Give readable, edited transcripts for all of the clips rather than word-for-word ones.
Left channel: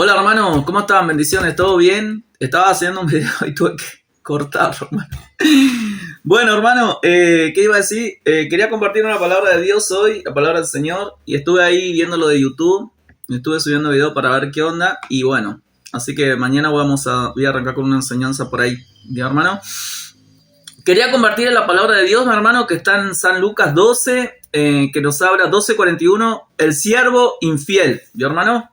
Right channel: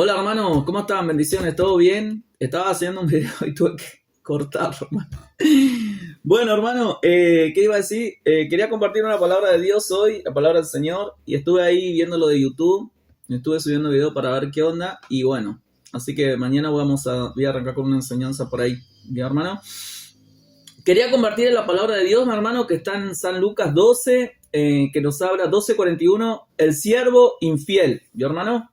Hola hermano, ¿cómo están? Bendiciones, ¿todo bien? Estaba haciendo un video y tuve que cortar, hermano. Bueno, hermano, ¿qué iba a decir? Quería compartir una palabra de Dios hoy, la palabra del Señor, y estuve ahí viendo lo de YouTube, estuve subiendo video para ver qué onda, y bueno, así que mañana voy a arrancar con una enseñanza por ahí, ¿ya, hermano? Quería compartir la palabra de Dios, mi hermano, que está en San Lucas 12, que nos habla 12:41, el siervo infiel, ¿ya, hermano?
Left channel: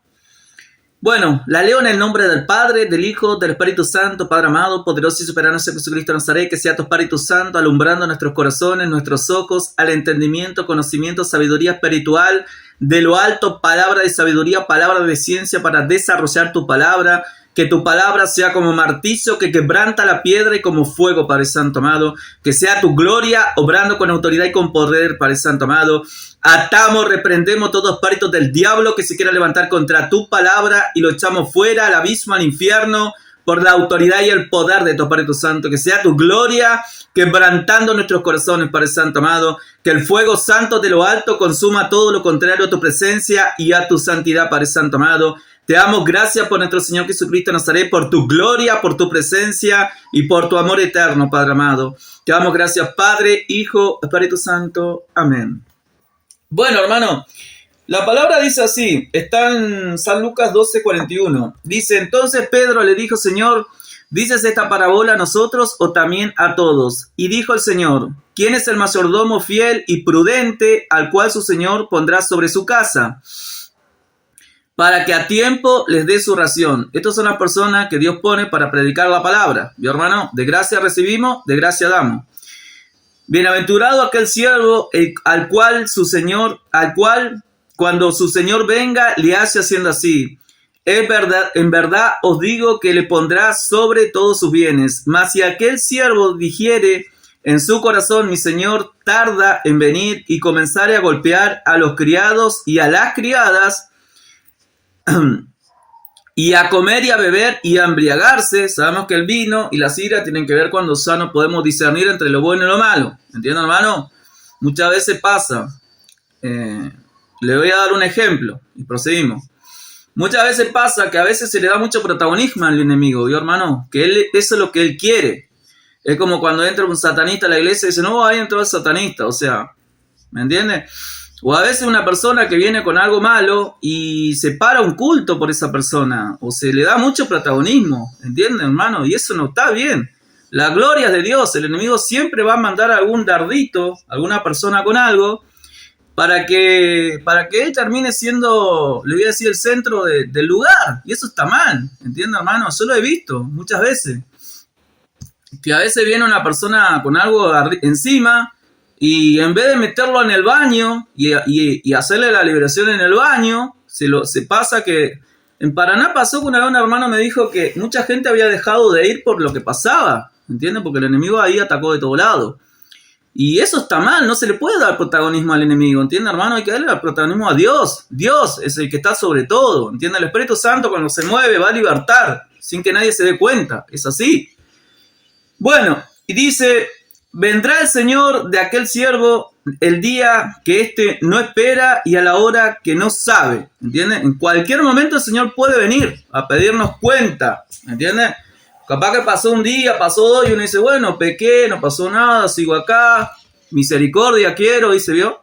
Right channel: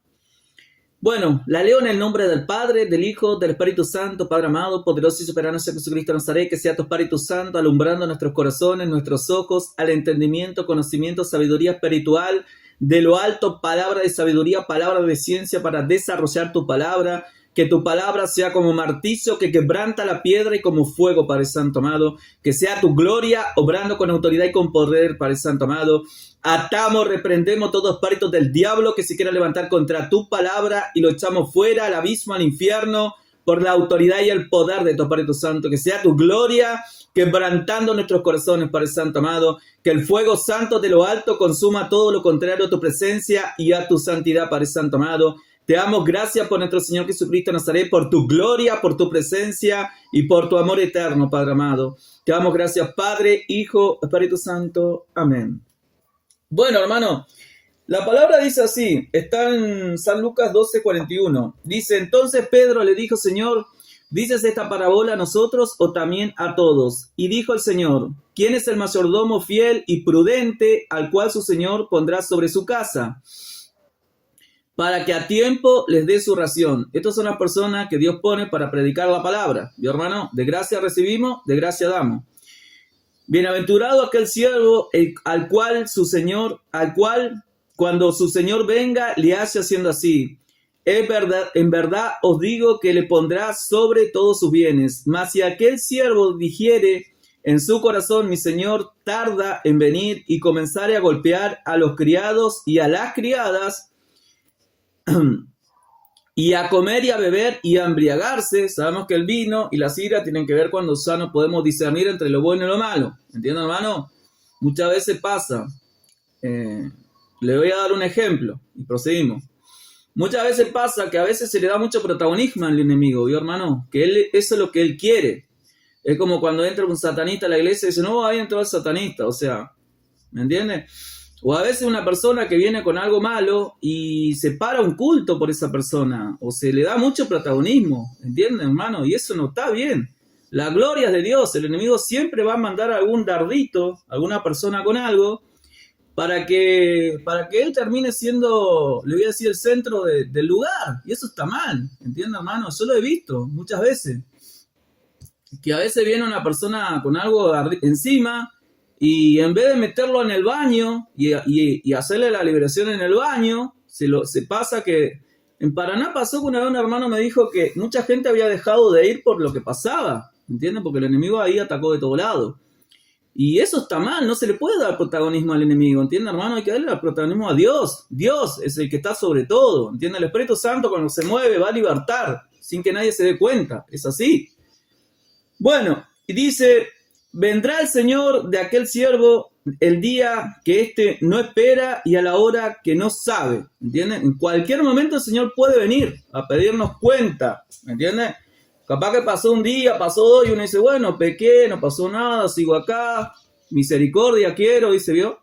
Bueno, la leo en el nombre del Padre, del Hijo, del Espíritu Santo, Padre amado, poderoso y soberano Jesucristo de Nazaret, que sea tu Espíritu Santo alumbrando nuestros corazones, nuestros ojos, al entendimiento, conocimiento, sabiduría espiritual, de lo alto, palabra de sabiduría, palabra de ciencia para desarrollar tu palabra, que tu palabra sea como martillo que quebranta la piedra y como fuego, Padre Santo amado, que sea tu gloria obrando con autoridad y con poder, Padre Santo amado. Atamos, reprendemos todo espíritu del diablo que se quiera levantar contra tu palabra y lo echamos fuera al abismo, al infierno, por la autoridad y el poder de tu Espíritu Santo. Que sea tu gloria quebrantando nuestros corazones, Padre Santo amado. Que el fuego santo de lo alto consuma todo lo contrario a tu presencia y a tu santidad, Padre Santo amado. Te damos gracias por nuestro Señor Jesucristo de Nazaret, por tu gloria, por tu presencia y por tu amor eterno, Padre amado. Te damos gracias, Padre, Hijo, Espíritu Santo. Amén. Bueno, hermano, la palabra dice así, está en San Lucas 12:41. Dice, entonces Pedro le dijo, Señor, ¿dices esta parábola a nosotros o también a todos? Y dijo el Señor, ¿quién es el mayordomo fiel y prudente al cual su Señor pondrá sobre su casa, para que a tiempo les dé su ración? Estas son las personas que Dios pone para predicar la palabra. ¿Vio, hermano? De gracia recibimos, de gracia damos. Bienaventurado aquel siervo al cual cuando su señor venga le hace haciendo así. Es verdad, en verdad os digo que le pondrá sobre todos sus bienes. Mas si aquel siervo dijere en su corazón, mi señor tarda en venir, y comenzare a golpear a los criados y a las criadas, y a comer y a beber y a embriagarse. Sabemos que el vino y la sidra tienen que ver cuando ya no podemos discernir entre lo bueno y lo malo. ¿Entienden, hermano? Muchas veces pasa. Le voy a dar un ejemplo y proseguimos. Muchas veces pasa que a veces se le da mucho protagonismo al enemigo, ¿vio, hermano? Que eso es lo que él quiere. Es como cuando entra un satanista a la iglesia y dice, no, ahí entró el satanista. O sea, ¿me entiendes? O a veces una persona que viene con algo malo y se para un culto por esa persona, o se le da mucho protagonismo, ¿entienden, hermano? Y eso no está bien. La gloria es de Dios. El enemigo siempre va a mandar algún dardito, alguna persona con algo, para que él termine siendo, le voy a decir, el centro del lugar. Y eso está mal, ¿entienden, hermano? Yo lo he visto muchas veces. Que a veces viene una persona con algo encima, y en vez de meterlo en el baño y hacerle la liberación en el baño, se pasa que... En Paraná pasó que una vez un hermano me dijo que mucha gente había dejado de ir por lo que pasaba, ¿entiendes? Porque el enemigo ahí atacó de todo lado. Y eso está mal, no se le puede dar protagonismo al enemigo, ¿entiendes, hermano? Hay que darle el protagonismo a Dios. Dios es el que está sobre todo, ¿entiendes? El Espíritu Santo cuando se mueve va a libertar, sin que nadie se dé cuenta, es así. Bueno, y dice... Vendrá el Señor de aquel siervo el día que éste no espera y a la hora que no sabe, ¿entiendes? En cualquier momento el Señor puede venir a pedirnos cuenta, ¿entiendes? Capaz que pasó un día, pasó dos y uno dice, bueno, pequé, no pasó nada, sigo acá, misericordia quiero, y se vio.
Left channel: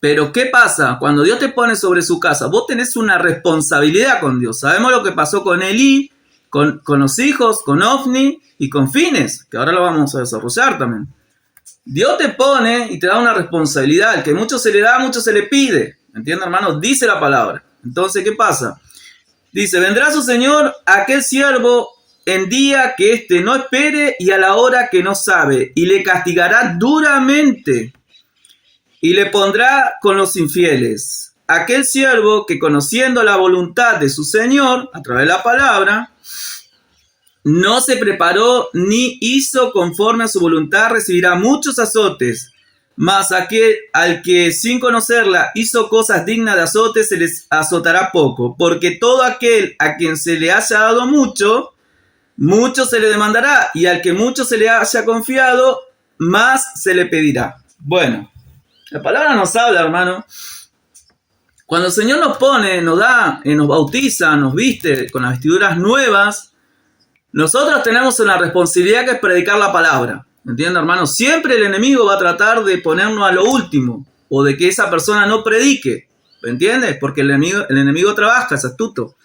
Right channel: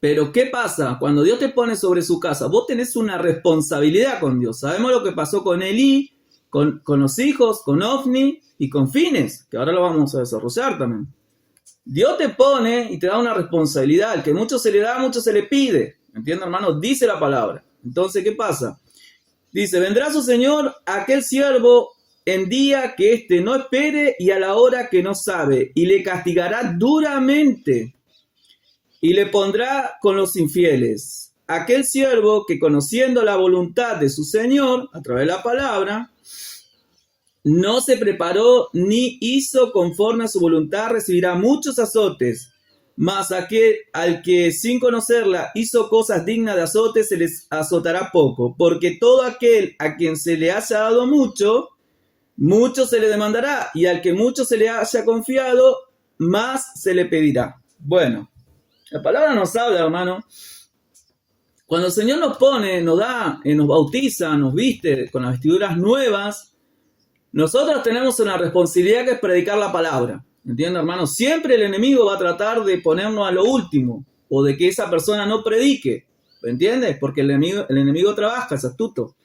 Pero ¿qué pasa? Cuando Dios te pone sobre su casa, vos tenés una responsabilidad con Dios. Sabemos lo que pasó con Elí, con los hijos, con Ofni y con Fines, que ahora lo vamos a desarrollar también. Dios te pone y te da una responsabilidad. El que mucho se le da, mucho se le pide. ¿Entiendes, hermano? Dice la palabra. Entonces, ¿qué pasa? Dice, vendrá su señor aquel siervo en día que éste no espere y a la hora que no sabe, y le castigará duramente y le pondrá con los infieles. Aquel siervo que, conociendo la voluntad de su señor a través de la palabra, no se preparó ni hizo conforme a su voluntad, recibirá muchos azotes. Mas aquel al que sin conocerla hizo cosas dignas de azote, se les azotará poco. Porque todo aquel a quien se le haya dado mucho, mucho se le demandará. Y al que mucho se le haya confiado, más se le pedirá. Bueno, la palabra nos habla, hermano, Cuando el Señor nos pone, nos da, nos bautiza, nos viste con las vestiduras nuevas, nosotros tenemos una responsabilidad que es predicar la palabra. ¿Entiendes, hermano? Siempre el enemigo va a tratar de ponernos a lo último o de que esa persona no predique. ¿Me entiendes? Porque el enemigo trabaja, es astuto.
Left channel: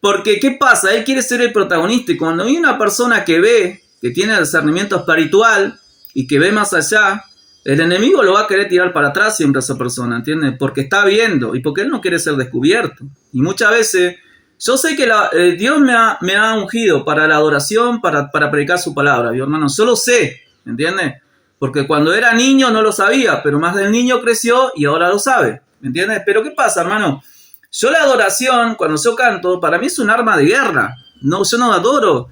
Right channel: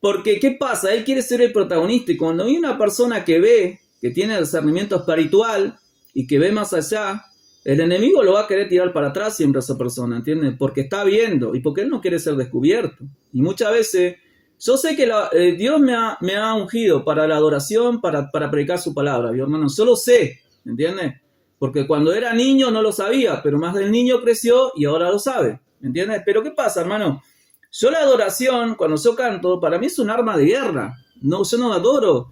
Porque, ¿qué pasa? Él quiere ser el protagonista y cuando hay una persona que ve, que tiene discernimiento espiritual y que ve más allá, el enemigo lo va a querer tirar para atrás siempre a esa persona, ¿entiendes? Porque está viendo y porque él no quiere ser descubierto. Y muchas veces, yo sé que Dios me ha ungido para la adoración, para predicar su palabra, mi hermano. Yo lo sé, ¿entiendes? Porque cuando era niño no lo sabía, pero más del niño creció y ahora lo sabe, ¿entiendes? Pero ¿qué pasa, hermano? Yo la adoración, cuando yo canto, para mí es un arma de guerra. No, yo no adoro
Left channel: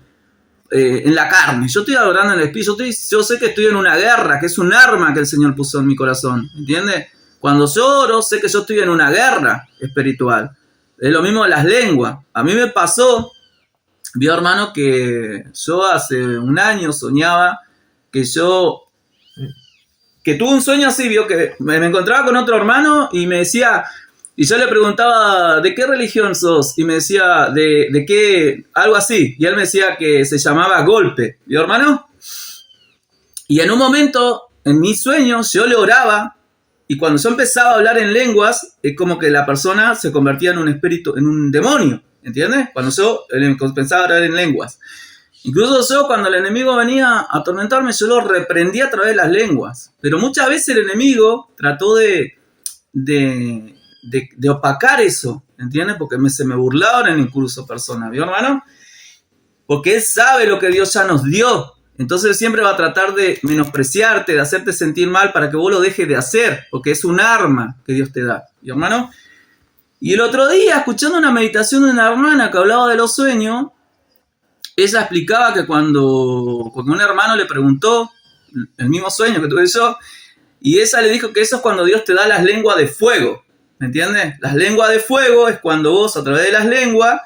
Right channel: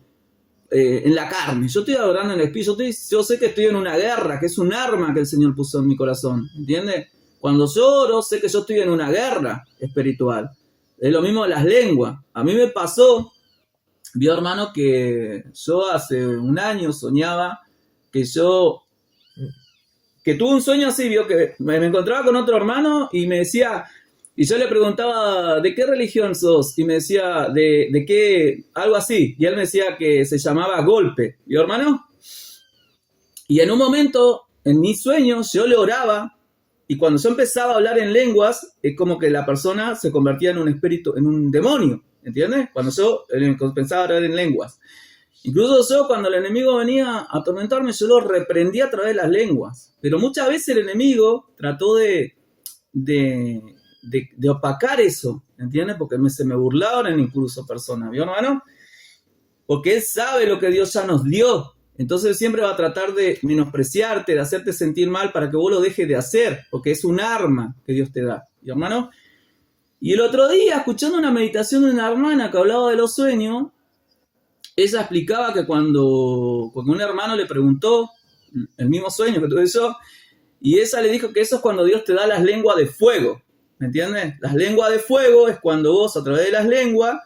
en la carne. Yo estoy adorando en el espíritu. Yo sé que estoy en una guerra, que es un arma que el Señor puso en mi corazón. ¿Entiendes? Cuando lloro, sé que yo estoy en una guerra espiritual. Es lo mismo de las lenguas. A mí me pasó, vio hermano, que yo hace un año soñaba que tuve un sueño así, vio que me encontraba con otro hermano y me decía, y yo le preguntaba, ¿de qué religión sos? Y me decía, ¿de qué? Algo así. Y él me decía que se llamaba golpe, vio hermano. Y en un momento, en mis sueños, yo le oraba, y cuando yo empezaba a hablar en lenguas, es como que la persona se convertía en un espíritu, en un demonio, ¿entiendes? Cuando yo pensaba hablar en lenguas. Incluso yo, cuando el enemigo venía a atormentarme, yo lo reprendía a través de las lenguas. Pero muchas veces el enemigo trató de opacar eso, ¿entiendes? Porque se me burlaban incluso personas, ¿vio, hermano? Porque él sabe lo que Dios ya nos dio. Entonces siempre va a tratar de menospreciarte, de hacerte sentir mal para que vos lo dejes de hacer, porque es un arma que Dios te da, ¿vio, hermano? Y el otro día, escuchando una meditación de una hermana que hablaba de los sueños, ella explicaba que cuando un hermano le preguntó el mismo sueño que tuve yo, y ella le dijo que eso es cuando Dios te da las lenguas de fuego, ¿me entiendes? Las lenguas de fuego es cuando vos, a través de las lenguas,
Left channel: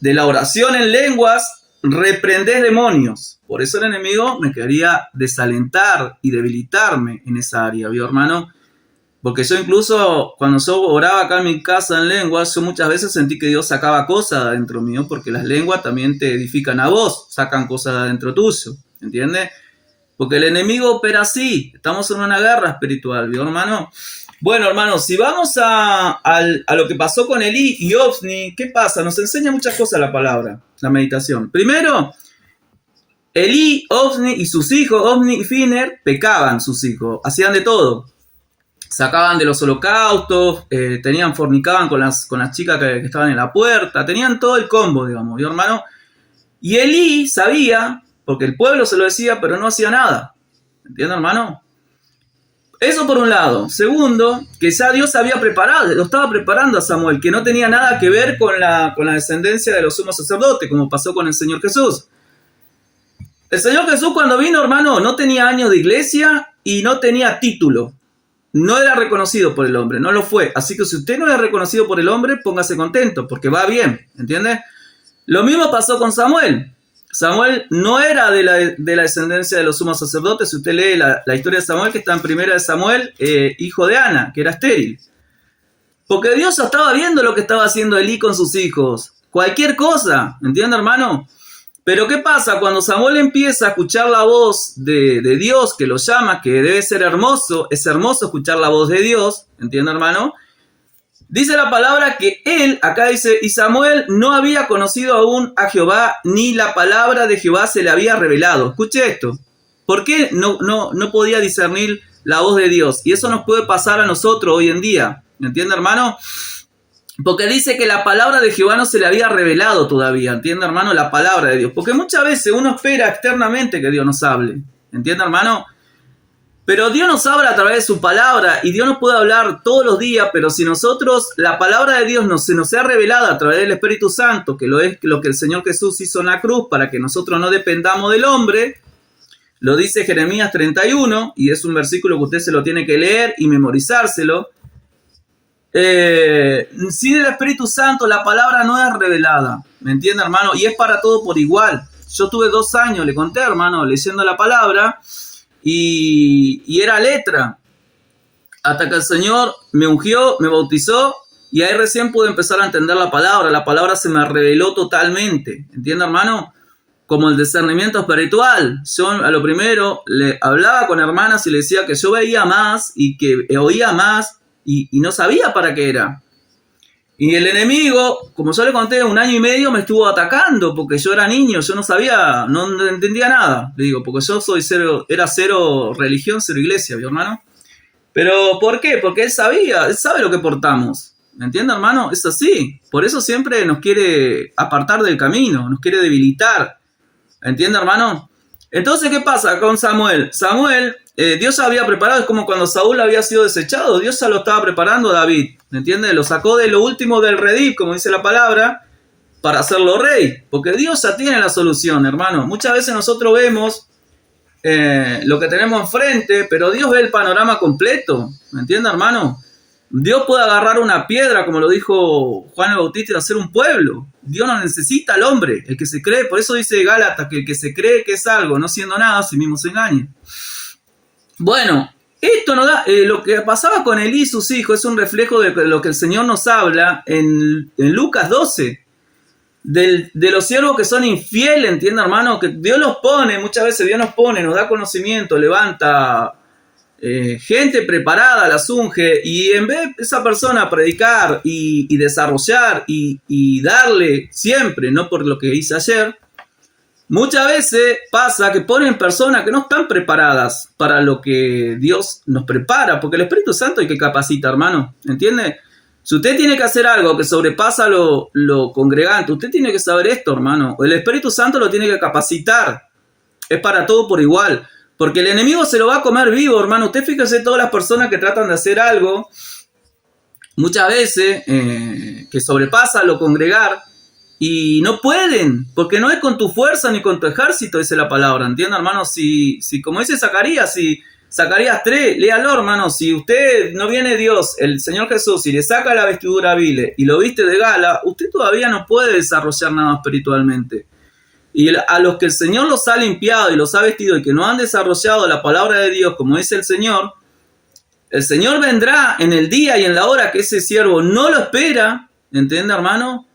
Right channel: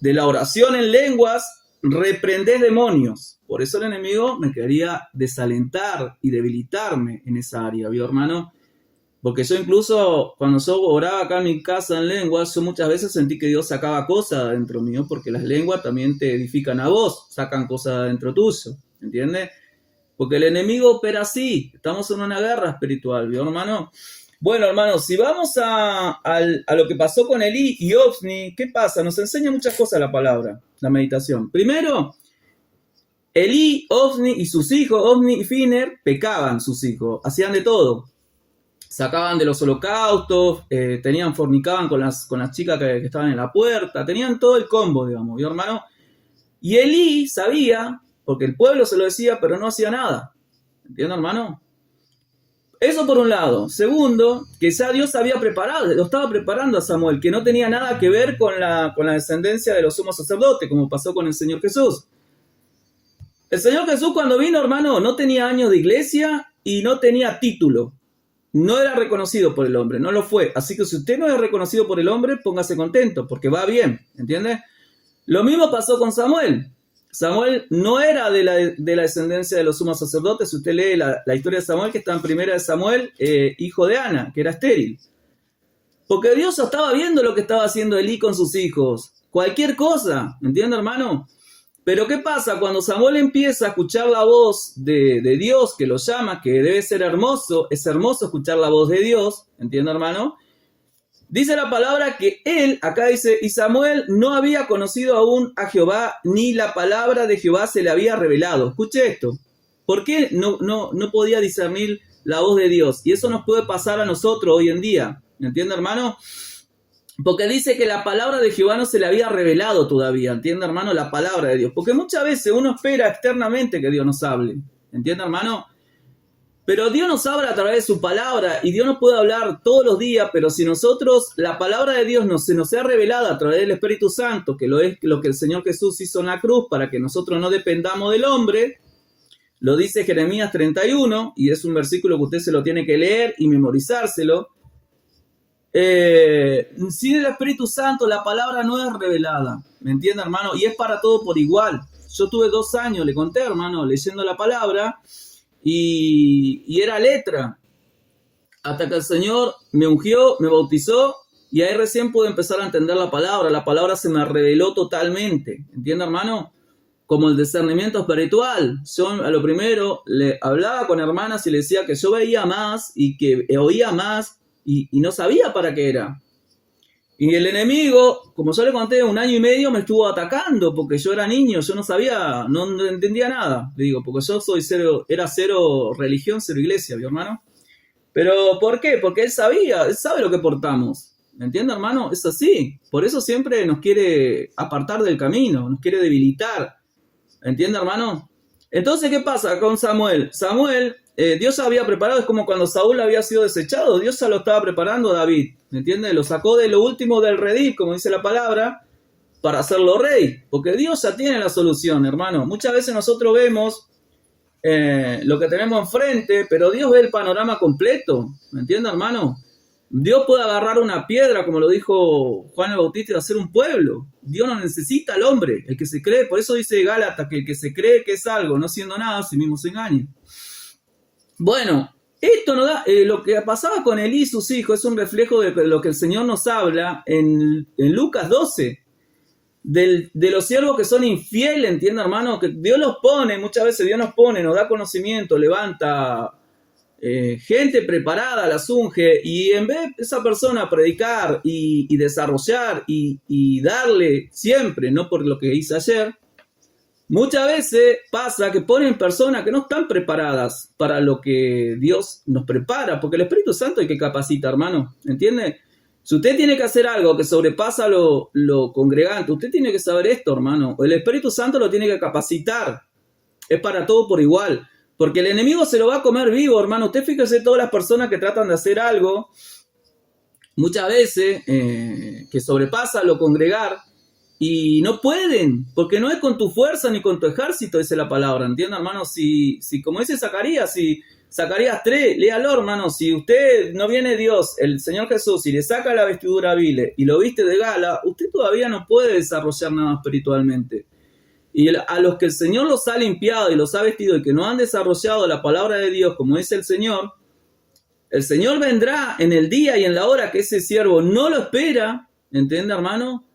de la oración en lenguas, reprendés demonios. Por eso el enemigo me quería desalentar y debilitarme en esa área, ¿vio, hermano? Porque yo incluso, cuando yo oraba acá en mi casa en lenguas, yo muchas veces sentí que Dios sacaba cosas de adentro mío, porque las lenguas también te edifican a vos, sacan cosas de adentro tuyo, ¿entiendes? Porque el enemigo opera así, estamos en una guerra espiritual, ¿vio, hermano? Bueno, hermano, si vamos a lo que pasó con Elí y Ofni, ¿qué pasa? Nos enseña muchas cosas la palabra, la meditación. Primero, Elí, Ofni y sus hijos, Ofni y Finer, pecaban sus hijos, hacían de todo. Sacaban de los holocaustos, fornicaban con las chicas que estaban en la puerta, tenían todo el combo, digamos, ¿vio, hermano? Y Elí sabía, porque el pueblo se lo decía, pero no hacía nada. ¿Entiendes, hermano? Eso por un lado. Segundo, que ya Dios había preparado, lo estaba preparando a Samuel, que no tenía nada que ver con la descendencia de los sumos sacerdotes, como pasó con el Señor Jesús. El Señor Jesús, cuando vino, hermano, no tenía años de iglesia y no tenía título. No era reconocido por el hombre, no lo fue. Así que si usted no es reconocido por el hombre, póngase contento, porque va bien, ¿entiendes? Lo mismo pasó con Samuel. Samuel no era de la descendencia de los sumos sacerdotes. Si usted lee la historia de Samuel, que está en primera de Samuel, hijo de Ana, que era estéril. Porque Dios estaba viendo lo que estaba haciendo Elí con sus hijos. Cualquier cosa, ¿entiende, hermano? Pero ¿qué pasa? Cuando Samuel empieza a escuchar la voz de Dios, que lo llama, que debe ser hermoso, es hermoso escuchar la voz de Dios, ¿entiende, hermano? Dice la palabra que él, acá dice, y Samuel no había conocido aún a Jehová, ni la palabra de Jehová se le había revelado. Escuche esto. ¿Por qué no podía discernir la voz de Dios? Y eso nos puede pasar a nosotros hoy en día. ¿Me entiende, hermano? Porque dice que la palabra de Jehová no se le había revelado todavía. ¿Entiende, hermano? La palabra de Dios. Porque muchas veces uno espera externamente que Dios nos hable. ¿Entiende, hermano? Pero Dios nos habla a través de su palabra y Dios nos puede hablar todos los días, pero si nosotros, la palabra de Dios se nos sea revelada a través del Espíritu Santo, que es lo que el Señor Jesús hizo en la cruz para que nosotros no dependamos del hombre, lo dice Jeremías 31, y es un versículo que usted se lo tiene que leer y memorizárselo. Sin el Espíritu Santo la palabra no es revelada, ¿me entiende, hermano? Y es para todo por igual. Yo tuve 2 años, le conté, hermano, leyendo la palabra, y era letra. hasta que el Señor me ungió, me bautizó, y ahí recién pude empezar a entender la palabra se me reveló totalmente, ¿entiende, hermano? Como el discernimiento espiritual. Yo a lo primero le hablaba con hermanas y le decía que yo veía más y que oía más y no sabía para qué era. Y el enemigo, como yo le conté, 1 año y medio me estuvo atacando porque yo era niño, yo no sabía, no entendía nada. Le digo, porque yo era cero religión, cero iglesia, mi hermano. Pero ¿por qué? Porque él sabe lo que portamos. ¿Me entiende, hermano? Es así. Por eso siempre nos quiere apartar del camino, nos quiere debilitar. ¿Entiende, hermano? Entonces, ¿qué pasa con Samuel? Samuel, Dios había preparado, es como cuando Saúl había sido desechado, Dios ya lo estaba preparando a David, ¿me entiende? Lo sacó de lo último del redil, como dice la palabra, para hacerlo rey, porque Dios ya tiene la solución, hermano. Muchas veces nosotros vemos lo que tenemos enfrente, pero Dios ve el panorama completo, ¿me entiende, hermano? Dios puede agarrar una piedra, como lo dijo Juan el Bautista, y hacer un pueblo. Dios no necesita al hombre, el que se cree. Por eso dice Gálatas que el que se cree que es algo, no siendo nada, a sí mismo se engaña. Bueno, esto nos da, lo que pasaba con Elí y sus hijos es un reflejo de lo que el Señor nos habla en Lucas 12. De los siervos que son infieles, ¿entiende, hermano? Que Dios los pone, muchas veces Dios nos pone, nos da conocimiento, levanta gente preparada, las unge, y en vez de esa persona predicar y desarrollar y darle siempre, no por lo que hice ayer, muchas veces pasa que ponen personas que no están preparadas para lo que Dios nos prepara, porque el Espíritu Santo hay que capacitar, hermano, ¿entiende? Si usted tiene que hacer algo que sobrepasa lo congregante, usted tiene que saber esto, hermano. El Espíritu Santo lo tiene que capacitar. Es para todo por igual. Porque el enemigo se lo va a comer vivo, hermano. Usted fíjese todas las personas que tratan de hacer algo, muchas veces, que sobrepasa lo congregar, y no pueden, porque no es con tu fuerza ni con tu ejército, dice la palabra. ¿Entiende, hermano? Si como dice Zacarías, Zacarías 3, léalo, hermano. Si usted no viene Dios, el Señor Jesús, y le saca la vestidura vile y lo viste de gala, usted todavía no puede desarrollar nada espiritualmente. Y a los que el Señor los ha limpiado y los ha vestido y que no han desarrollado la palabra de Dios, como dice el Señor vendrá en el día y en la hora que ese siervo no lo espera, ¿entiende, hermano?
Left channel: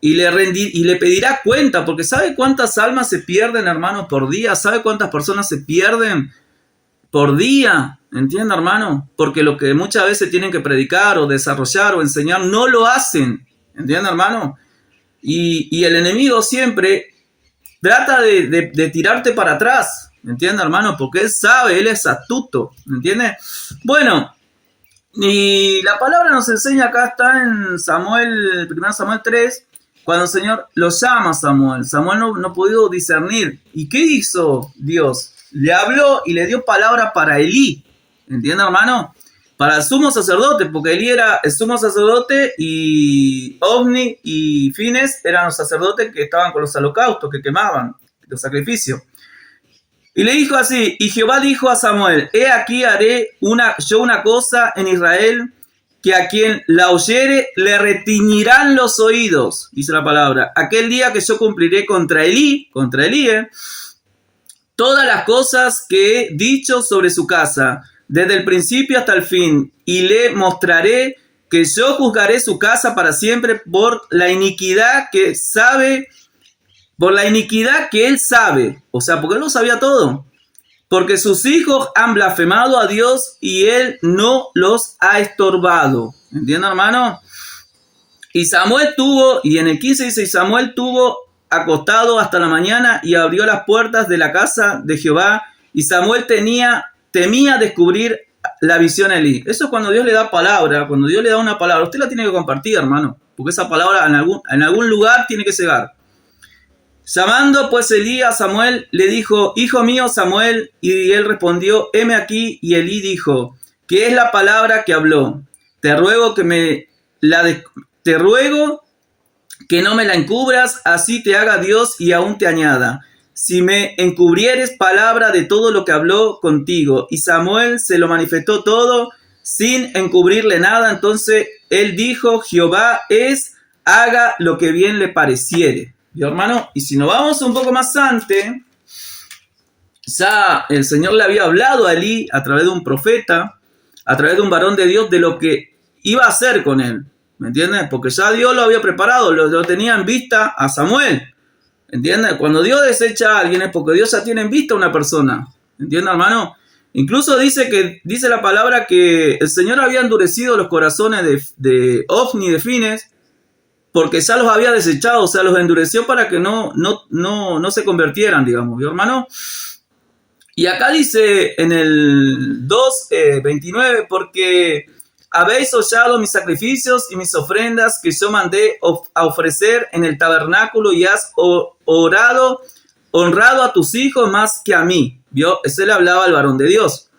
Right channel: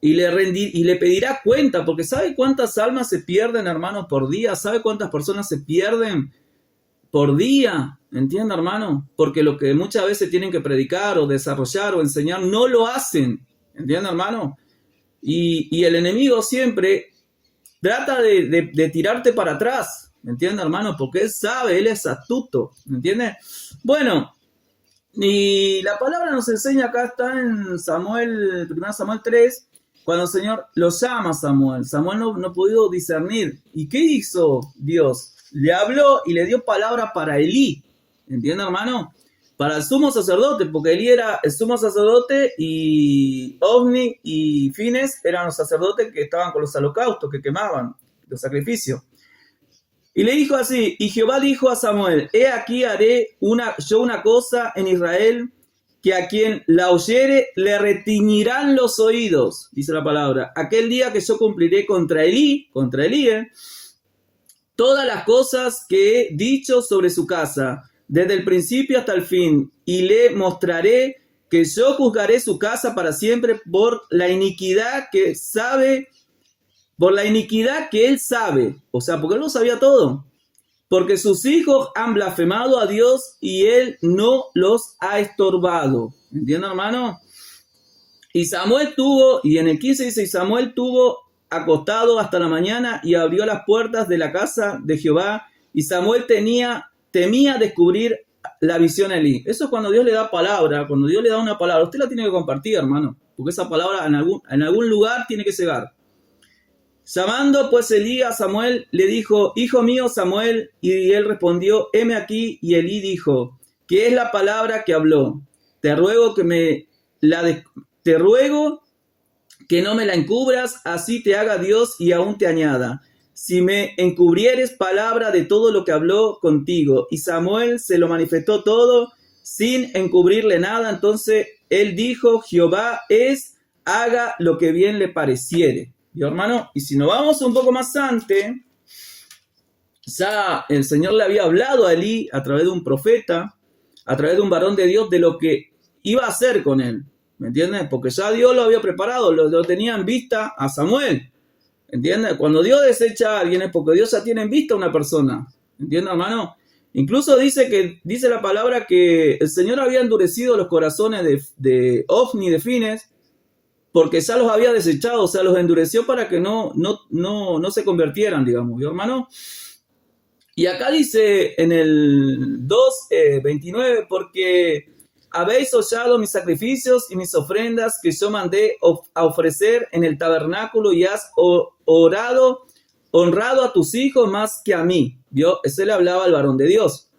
Y le pedirá cuenta, porque ¿sabe cuántas almas se pierden, hermano, por día? ¿Sabe cuántas personas se pierden por día? ¿Entiende, hermano? Porque lo que muchas veces tienen que predicar o desarrollar o enseñar no lo hacen. ¿Entiende, hermano? Y el enemigo siempre trata de tirarte para atrás. ¿Entiende, hermano? Porque él sabe, él es astuto. ¿Entiende? Bueno, y la palabra nos enseña, acá está en 1 Samuel 3, cuando el Señor lo llama a Samuel. Samuel no pudo discernir. ¿Y qué hizo Dios? Le habló y le dio palabra para Elí. ¿Entiende, hermano? Para el sumo sacerdote, porque Elí era el sumo sacerdote y Ofni y Fines eran los sacerdotes que estaban con los holocaustos, que quemaban los sacrificios. Y le dijo así, y Jehová dijo a Samuel, he aquí haré yo una cosa en Israel, que a quien la oyere le retiñirán los oídos, dice la palabra. Aquel día que yo cumpliré contra Elí, todas las cosas que he dicho sobre su casa, desde el principio hasta el fin, y le mostraré que yo juzgaré su casa para siempre por la iniquidad que él sabe, o sea, porque él lo sabía todo, porque sus hijos han blasfemado a Dios y él no los ha estorbado. ¿Entienden, hermano? Y en el 15 dice, y Samuel tuvo acostado hasta la mañana y abrió las puertas de la casa de Jehová, y Samuel temía descubrir la visión a Elí. Eso es cuando Dios le da palabra, cuando Dios le da una palabra, usted la tiene que compartir, hermano, porque esa palabra en algún lugar tiene que llegar. Llamando pues Elí a Samuel, le dijo, hijo mío Samuel, y él respondió, heme aquí, y Elí dijo, ¿qué es la palabra que habló? Te ruego que no me la encubras, así te haga Dios y aún te añada. Si me encubrieres palabra de todo lo que habló contigo. Y Samuel se lo manifestó todo sin encubrirle nada. Entonces él dijo, Jehová haga lo que bien le pareciere. ¿Y hermano? Y si nos vamos un poco más antes, ya el Señor le había hablado a Elí a través de un profeta, a través de un varón de Dios de lo que iba a hacer con él. ¿Me entiendes? Porque ya Dios lo había preparado, lo tenía en vista a Samuel. ¿Entiendes? Cuando Dios desecha a alguien es porque Dios ya tiene en vista a una persona. ¿Entiendes, hermano? Incluso dice la palabra que el Señor había endurecido los corazones de Ofni y de Fines porque ya los había desechado, o sea, los endureció para que no se convirtieran, digamos, ¿vio, hermano? Y acá dice en el 2:29, porque habéis hollado mis sacrificios y mis ofrendas que yo mandé a ofrecer en el tabernáculo y has honrado a tus hijos más que a mí. ¿Vio? Ese le hablaba al varón de Dios.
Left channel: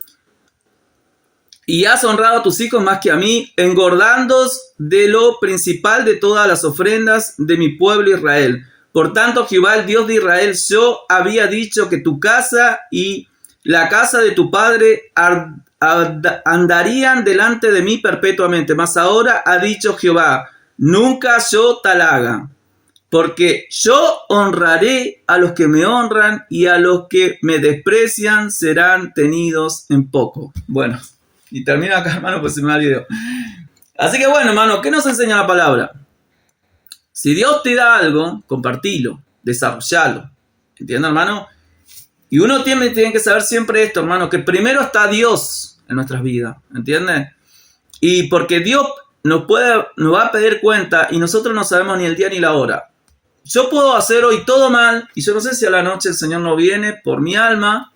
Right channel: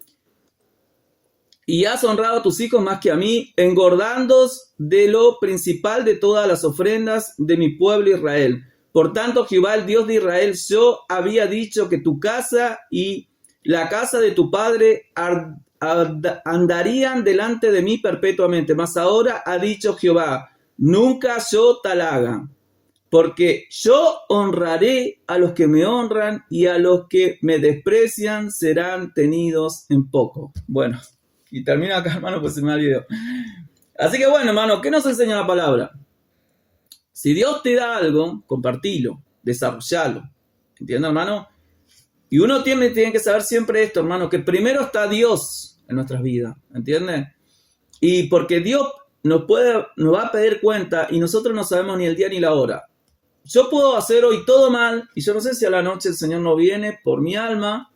Y has honrado a tus hijos más que a mí, engordándoos de lo principal de todas las ofrendas de mi pueblo Israel. Por tanto, Jehová, el Dios de Israel, yo había dicho que tu casa y la casa de tu padre andarían delante de mí perpetuamente. Mas ahora ha dicho Jehová, nunca yo tal haga, porque yo honraré a los que me honran y a los que me desprecian serán tenidos en poco. Bueno, y termino acá, hermano, pues se me va el video. Así que bueno, hermano, ¿qué nos enseña la palabra? Si Dios te da algo, compartilo, desarrollalo. ¿Entiendes, hermano? Y uno tiene que saber siempre esto, hermano, que primero está Dios en nuestras vidas, ¿entiendes? Y porque Dios nos va a pedir cuenta y nosotros no sabemos ni el día ni la hora. Yo puedo hacer hoy todo mal y yo no sé si a la noche el Señor no viene por mi alma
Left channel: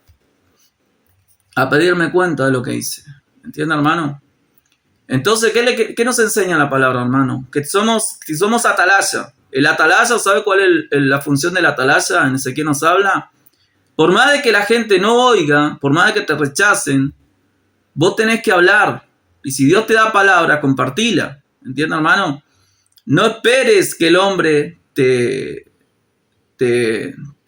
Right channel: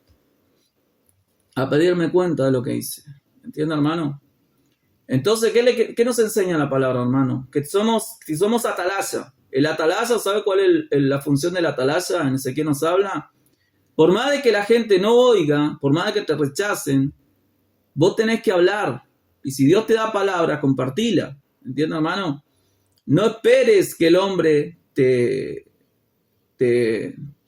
a pedirme cuenta de lo que hice. ¿Entiendes, hermano? Entonces, ¿qué nos enseña la palabra, hermano? Que somos atalaya. El atalaya, ¿sabe cuál es la función del atalaya? En Ezequiel nos habla. Por más de que la gente no oiga, por más de que te rechacen, vos tenés que hablar. Y si Dios te da palabra, compartila. ¿Entiendes, hermano? No esperes que el hombre te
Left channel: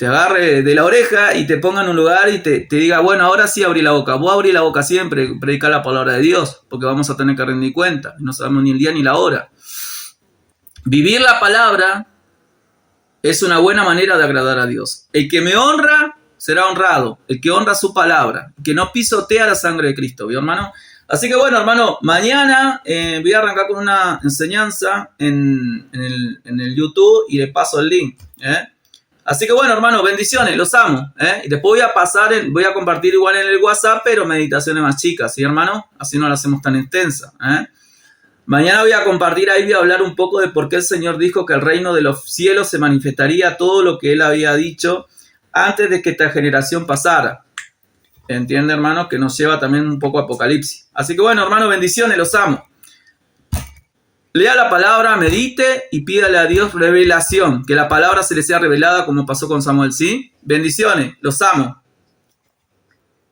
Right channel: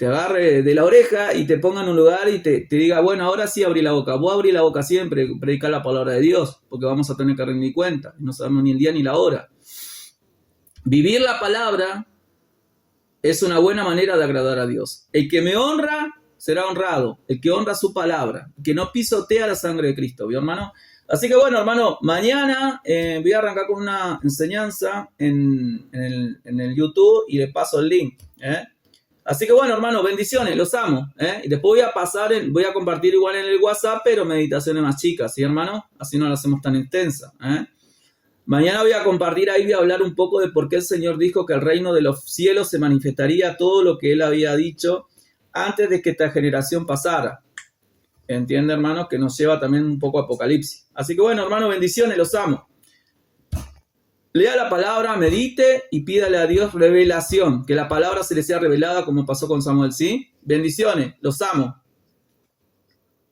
agarre de la oreja y te ponga en un lugar y te diga, bueno, ahora sí abrí la boca. Vos abrí la boca siempre, predicar la palabra de Dios, porque vamos a tener que rendir cuenta. No sabemos ni el día ni la hora. Vivir la palabra es una buena manera de agradar a Dios. El que me honra será honrado, el que honra su palabra, que no pisotea la sangre de Cristo, ¿vio, hermano? Así que bueno, hermano, mañana voy a arrancar con una enseñanza en el YouTube y le paso el link, Así que bueno, hermano, bendiciones, los amo, Y después voy a compartir igual en el WhatsApp, pero meditaciones más chicas, ¿sí, hermano? Así no las hacemos tan extensas, Mañana voy a compartir, ahí voy a hablar un poco de por qué el Señor dijo que el reino de los cielos se manifestaría todo lo que Él había dicho antes de que esta generación pasara. ¿Entiende, hermano? Que nos lleva también un poco a Apocalipsis. Así que bueno, hermano, bendiciones, los amo. Lea la palabra, medite y pídale a Dios revelación. Que la palabra se le sea revelada como pasó con Samuel, ¿sí? Bendiciones, los amo.